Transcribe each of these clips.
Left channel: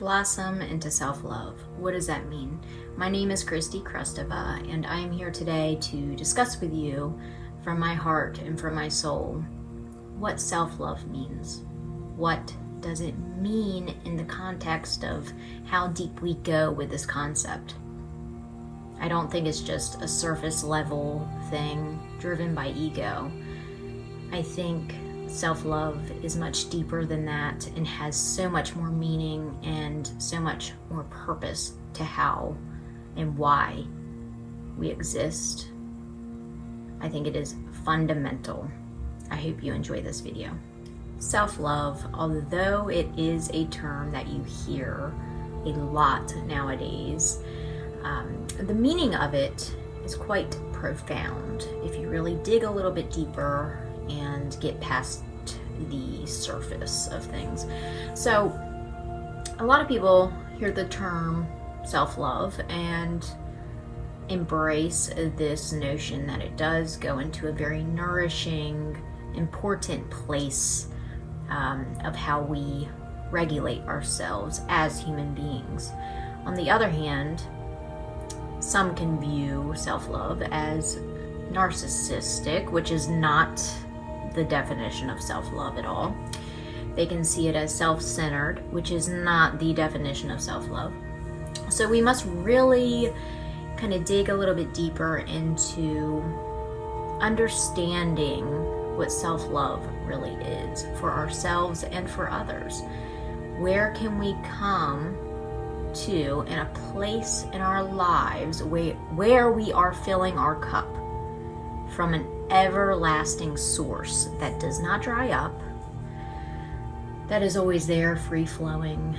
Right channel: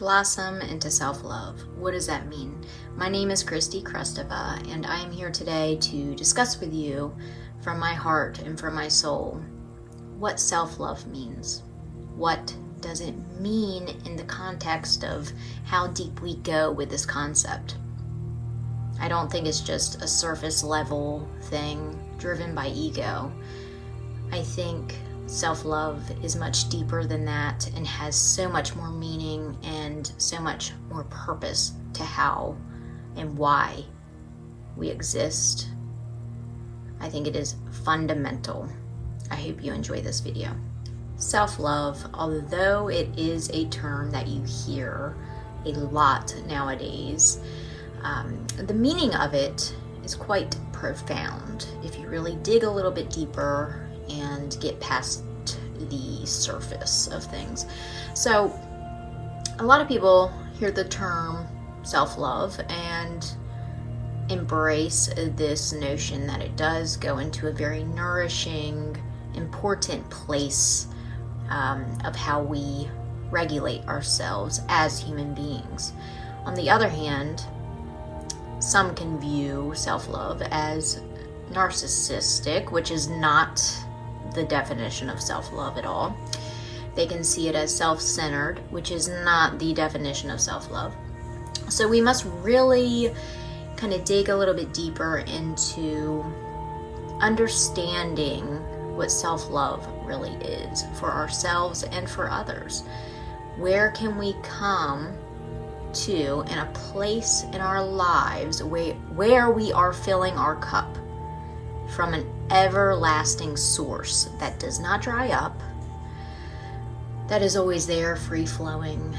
Blossom into self-love. What does that mean? My name is Christy Krustova, and I am here today to discuss with you from my heart and from my soul what self-love means. What does it mean in the context of how deep we go with this concept? I don't think it's just a surface level thing driven by ego. I think self-love is much deeper than that and has so much more meaning and so much more purpose to how and why we exist. I think it is fundamental. I hope you enjoy this video. Self-love, although it is a term that you hear a lot nowadays, the meaning of it is quite profound if you really dig a little bit deeper and get past the surface of things. So a lot of people hear the term self-love and embrace this notion that it does go into a very nourishing, important place of how we regulate ourselves as human beings. On the other hand, some can view self-love as narcissistic, which is not the definition of self-love at all. They can see it as self-centered, which is not the definition of self-love. So we must really kind of dig a little bit deeper into understanding what self-love really is for ourselves and for others. Where can we come to in a place in our lives where we are filling our cup from an everlasting source that does not dry up, that is always there, free-flowing,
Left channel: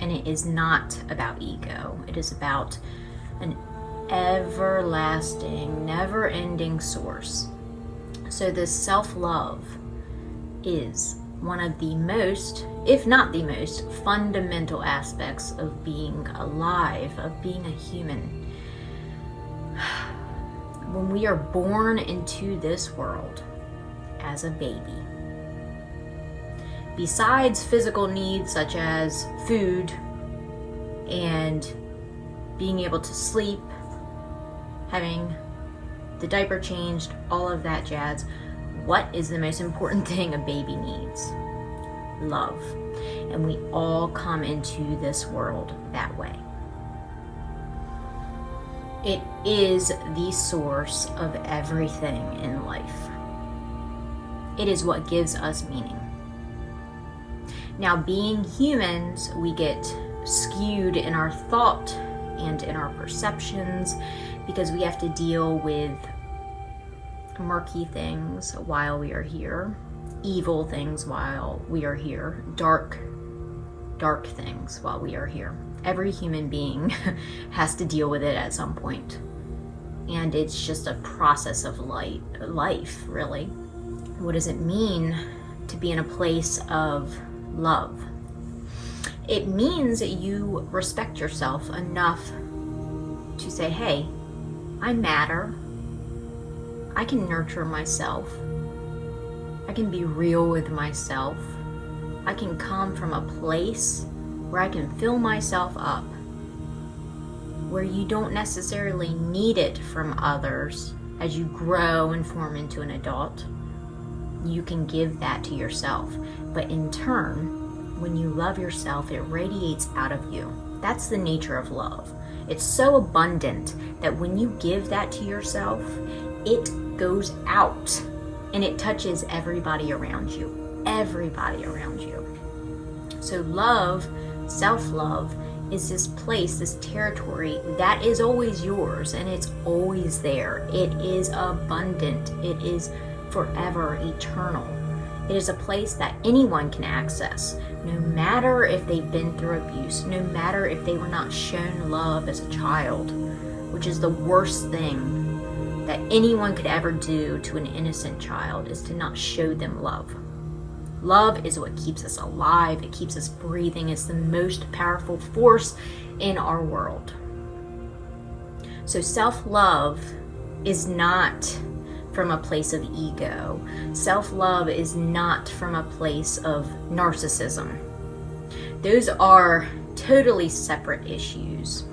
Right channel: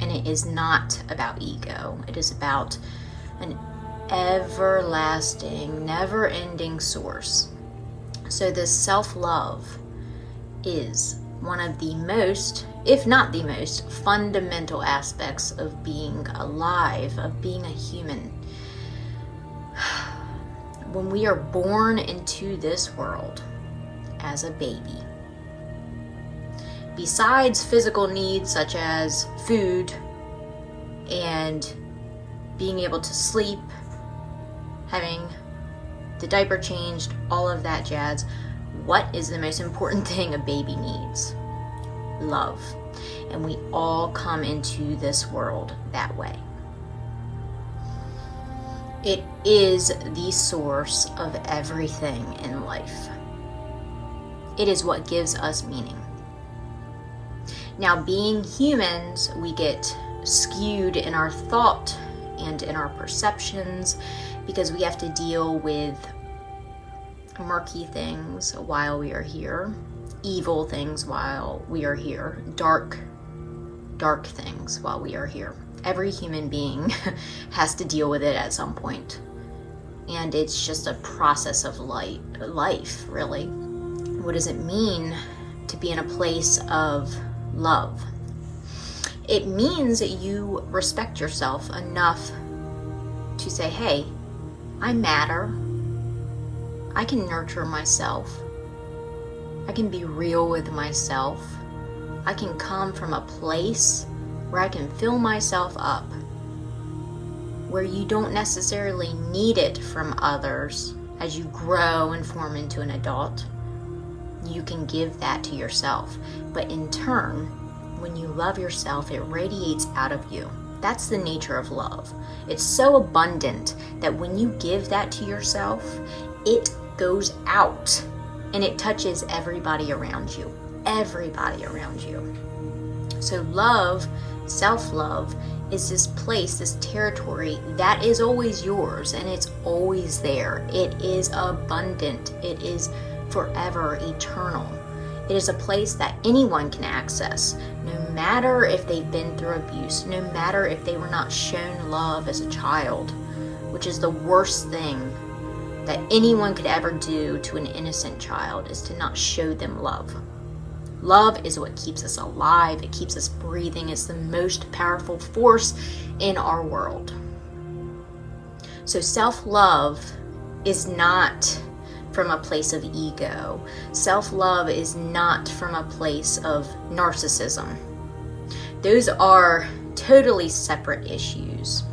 and it is not about ego. It is about an everlasting, never-ending source. So this self-love is one of the most, if not the most, fundamental aspects of being alive, of being a human. When we are born into this world as a baby, besides physical needs such as food and being able to sleep, having the diaper changed, all of that jazz, what is the most important thing a baby needs? Love. And we all come into this world that way. It is the source of everything in life. It is what gives us meaning. Now, being humans, we get skewed in our thought and in our perceptions because we have to deal with murky things while we are here, evil things while we are here, dark things while we are here. Every human being has to deal with it at some point. And it's just a process of life, really. What does it mean to be in a place of love? It means that you respect yourself enough to say, hey, I matter. I can nurture myself. I can be real with myself. I can come from a place where I can fill myself up, where you don't necessarily need it from others as you grow and form into an adult. You can give that to yourself. But in turn, when you love yourself, it radiates out of you. That's the nature of love. It's so abundant that when you give that to yourself, it goes out and it touches everybody around you. Everybody around you. So love, self-love, is this place, this territory that is always yours and it's always there. It is abundant. It is forever eternal. It is a place that anyone can access, no matter if they've been through abuse, no matter if they were not shown love as a child, which is the worst thing that anyone could ever do to an innocent child, is to not show them love. Love is what keeps us alive. It keeps us breathing. It's the most powerful force in our world. So self-love is not from a place of ego. Self-love is not from a place of narcissism. Those are totally separate issues.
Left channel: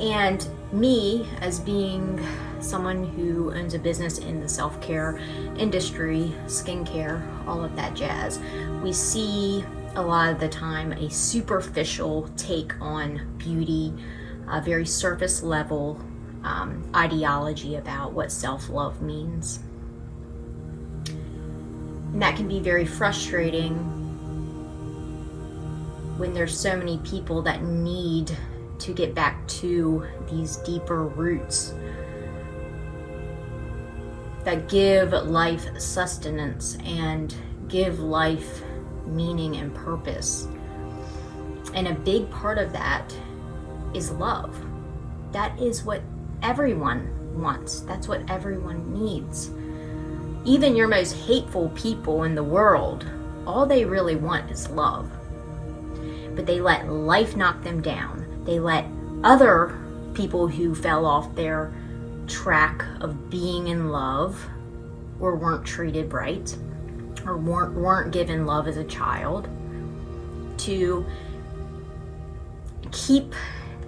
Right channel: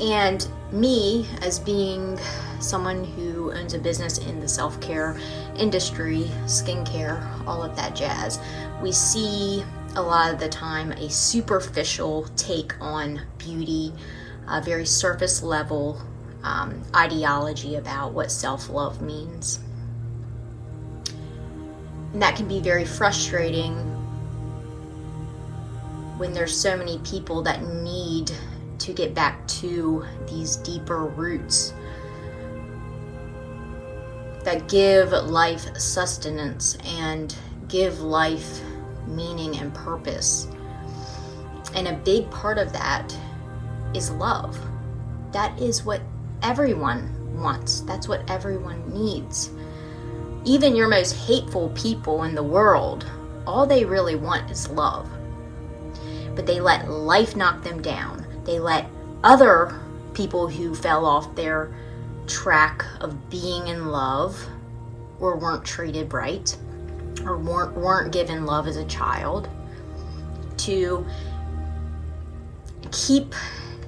And me, as being someone who owns a business in the self-care industry, skincare, all of that jazz, we see a lot of the time a superficial take on beauty, a very surface level ideology about what self-love means. And that can be very frustrating when there's so many people that need to get back to these deeper roots that give life sustenance and give life meaning and purpose. And a big part of that is love. That is what everyone wants. That's what everyone needs. Even your most hateful people in the world, all they really want is love. But they let life knock them down. They let other people who fell off their track of being in love or weren't treated right or weren't given love as a child to keep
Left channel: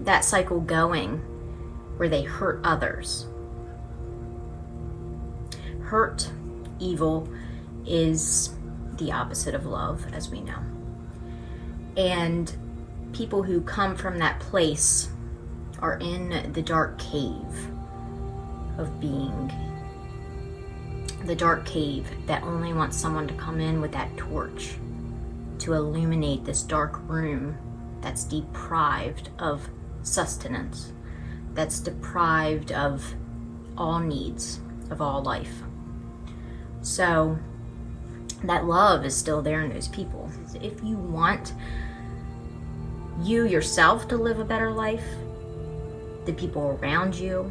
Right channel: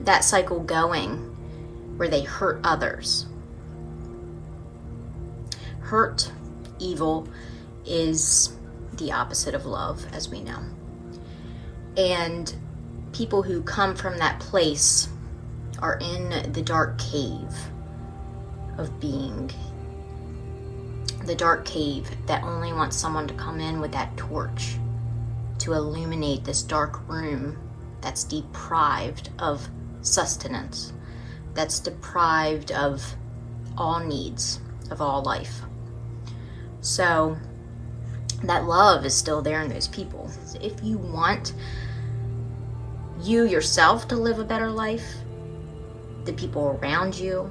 that cycle going where they hurt others. Hurt, evil, is the opposite of love, as we know. And people who come from that place are in the dark cave of being. The dark cave that only wants someone to come in with that torch to illuminate this dark room that's deprived of sustenance, that's deprived of all needs of all life. So that love is still there in those people. If you want you yourself to live a better life, the people around you,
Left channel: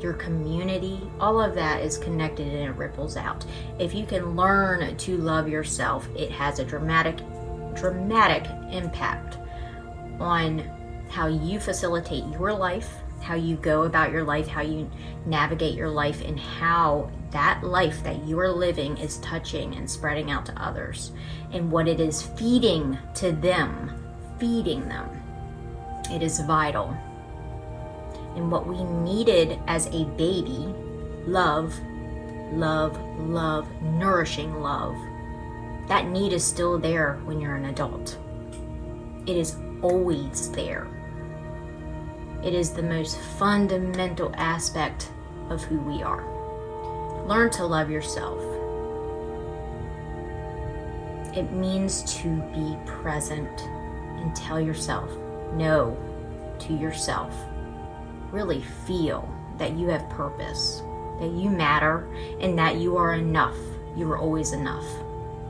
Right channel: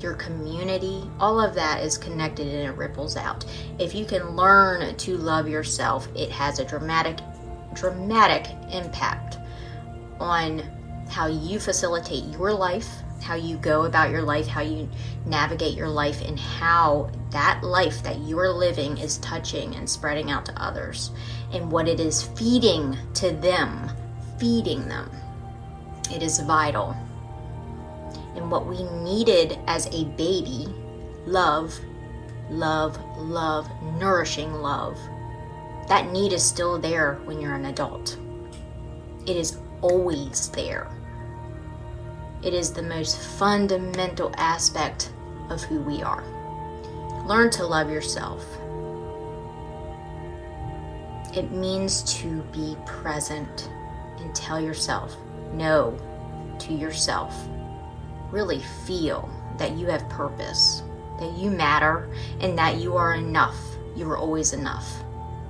your community, all of that is connected and it ripples out. If you can learn to love yourself, it has a dramatic impact on how you facilitate your life, how you go about your life, how you navigate your life, and how that life that you're living is touching and spreading out to others, and what it is feeding to them, feeding them. It is vital. And what we needed as a baby, love, nourishing love, that need is still there when you're an adult. It is always there. It is the most fundamental aspect of who we are. Learn to love yourself. It means to be present and tell yourself no to yourself. Really feel that you have purpose, that you matter, and that you are enough. You are always enough.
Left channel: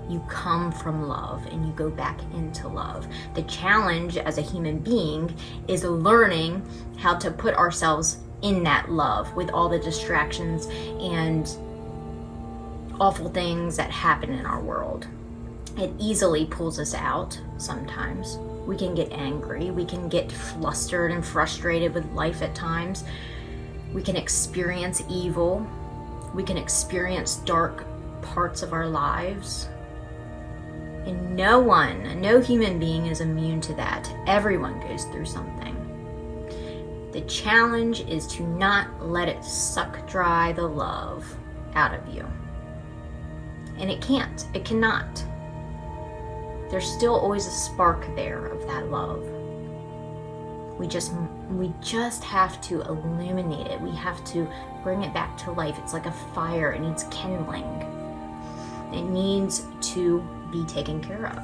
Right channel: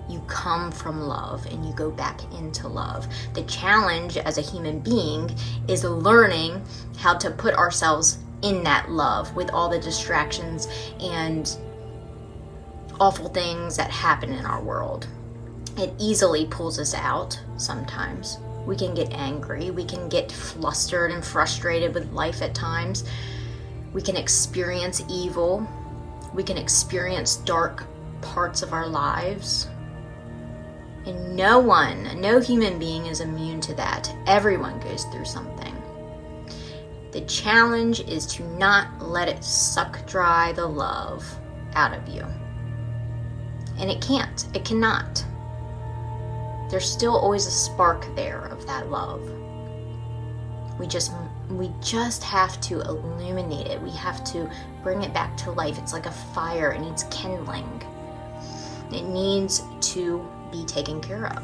You come from love and you go back into love. The challenge as a human being is learning how to put ourselves in that love with all the distractions and awful things that happen in our world. It easily pulls us out sometimes. We can get angry. We can get flustered and frustrated with life at times. We can experience evil. We can experience dark parts of our lives. And no human being is immune to that. Everyone goes through something. The challenge is to not let it suck dry the love out of you. And it can't. It cannot. There's still always a spark there of that love. We just have to illuminate it. We have to bring it back to life. It's like a fire. It needs kindling. It needs to be taken care of.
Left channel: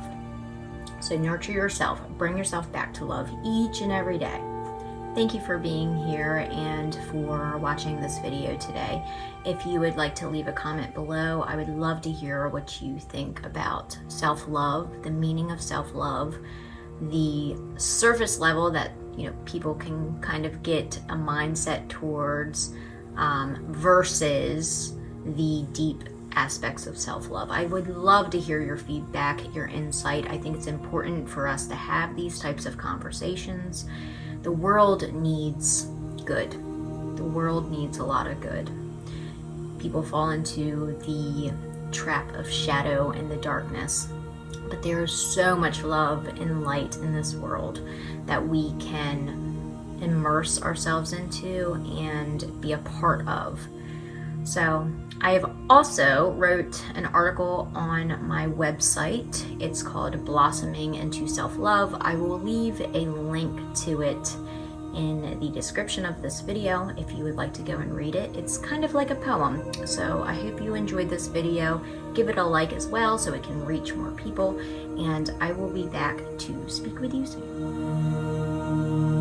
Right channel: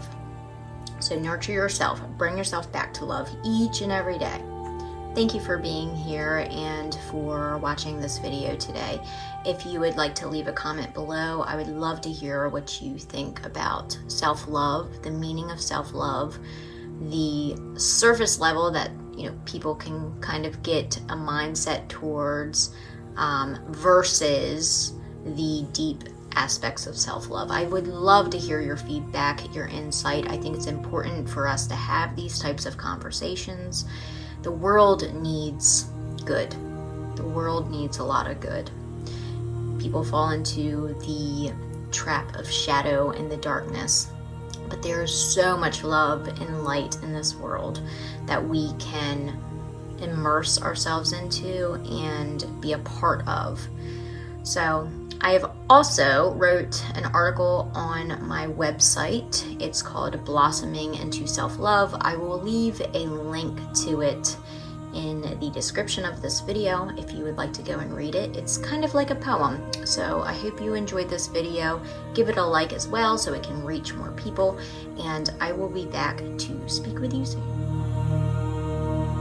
So nurture yourself. Bring yourself back to love each and every day. Thank you for being here and for watching this video today. If you would like to leave a comment below, I would love to hear what you think about self-love, the meaning of self-love, the surface level that people can kind of get a mindset towards versus the deep aspects of self-love. I would love to hear your feedback, your insight. I think it's important for us to have these types of conversations. The world needs good. The world needs a lot of good. People fall into the trap of shadow and the darkness But there's so much love and light in this world that we can immerse ourselves into and be a part of. So I have also wrote an article on my website. It's called Blossoming into Self-Love. I will leave a link to it in the description of this video if you would like to go and read it. It's kind of like a poem. So I hope you enjoyed this video. Give it a like as well so it can reach more people. And I will be back to speak with you soon.